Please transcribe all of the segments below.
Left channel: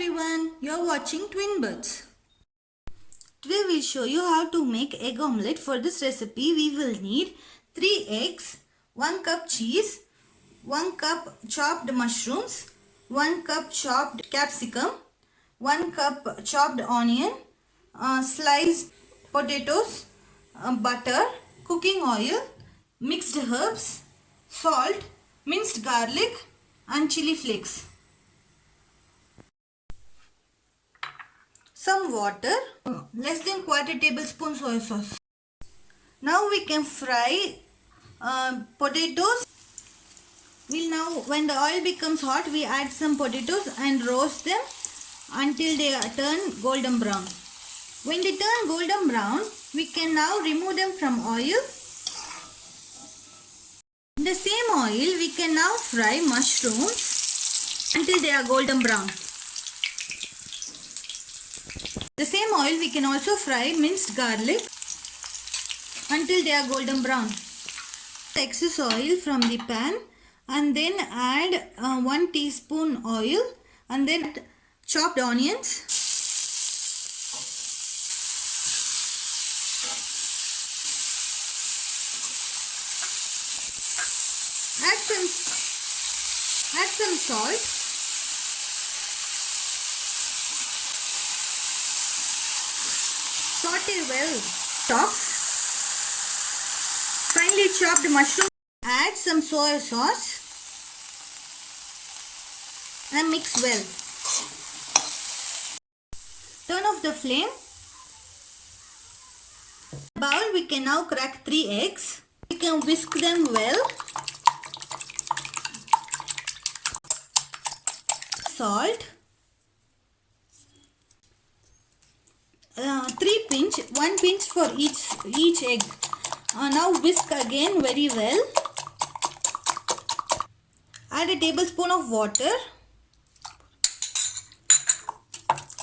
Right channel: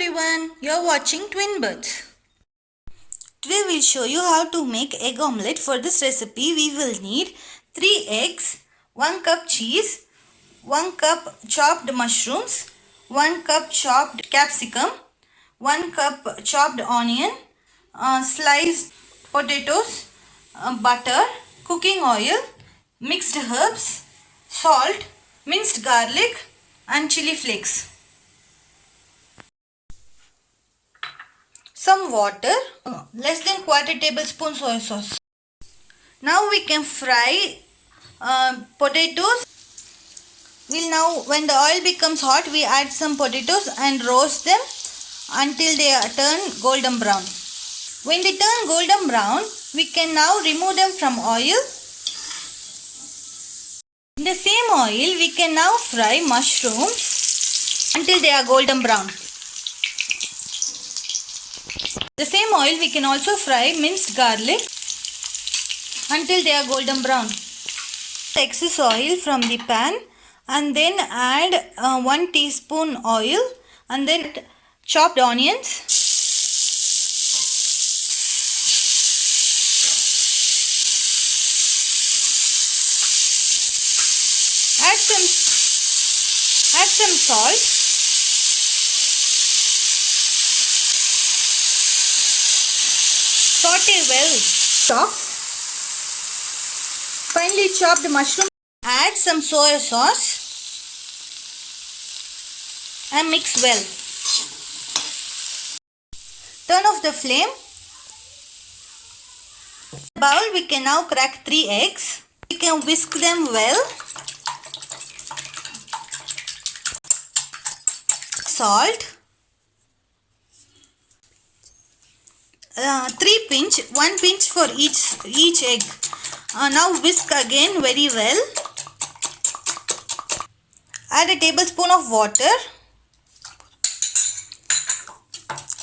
everyone, you're watching Twin Birds. Today we'll show you how to make egg omelette. For this recipe we will need 3 eggs, 1 cup cheese, 1 cup chopped mushrooms, 1 cup chopped capsicum, 1 cup chopped onion, sliced potatoes, butter, cooking oil, mixed herbs, salt, minced garlic and chili flakes. Some water, less than quarter tablespoon soy sauce. Now we can fry potatoes. When the oil becomes hot, we add some potatoes and roast them until they turn golden brown. When they turn golden brown, we can now remove them from oil. In the same oil, we can now fry mushrooms until they are golden brown. The same oil we can also fry minced garlic until they are golden brown. Excess oil from the pan and then add 1 teaspoon oil and then chopped onions. Add some salt. Saute well. Chop. Finely chopped mushroom. Add some soy sauce and mix well. Turn off the flame. In the bowl we can now crack 3 eggs. We can whisk them well. Salt. 3 pinch, 1 pinch for each egg. Now whisk again very well. Add a tablespoon of water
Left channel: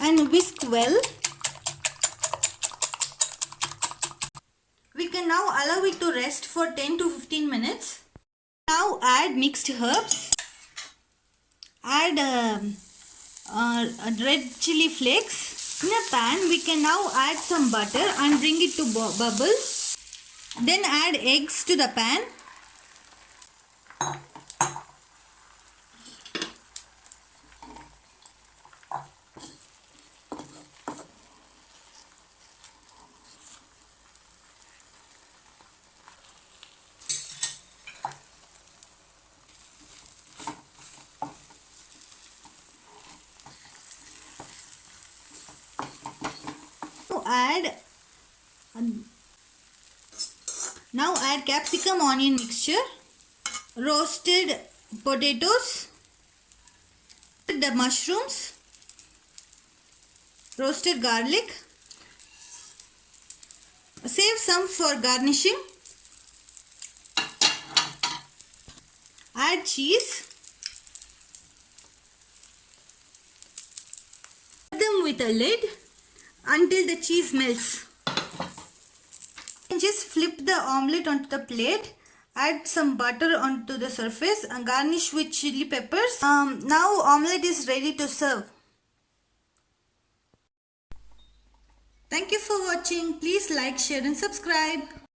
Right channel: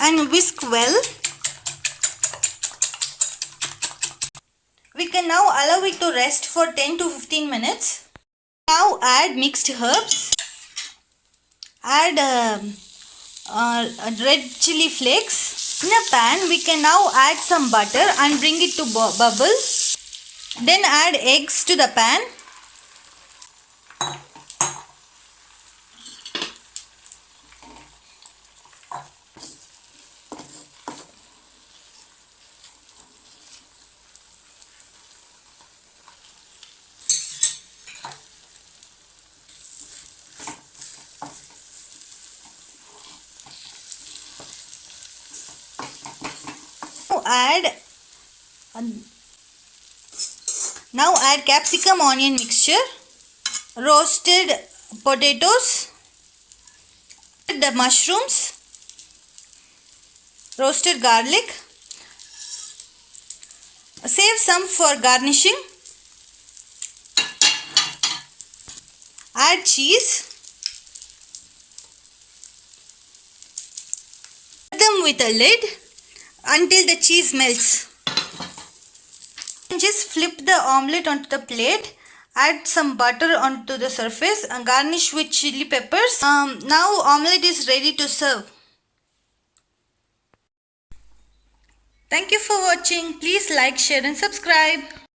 and whisk well. We can now allow it to rest for 10 to 15 minutes. Now add mixed herbs. Add red chili flakes. In a pan, we can now add some butter and bring it to bubble. Then add eggs to the pan. Now add capsicum onion mixture, roasted potatoes, the mushrooms, roasted garlic. Save some for garnishing. Add cheese. Cover them with a lid until the cheese melts. Just flip the omelette onto the plate, add some butter onto the surface and garnish with chili peppers. Now omelette is ready to serve. Thank you for watching. Please like, share and subscribe.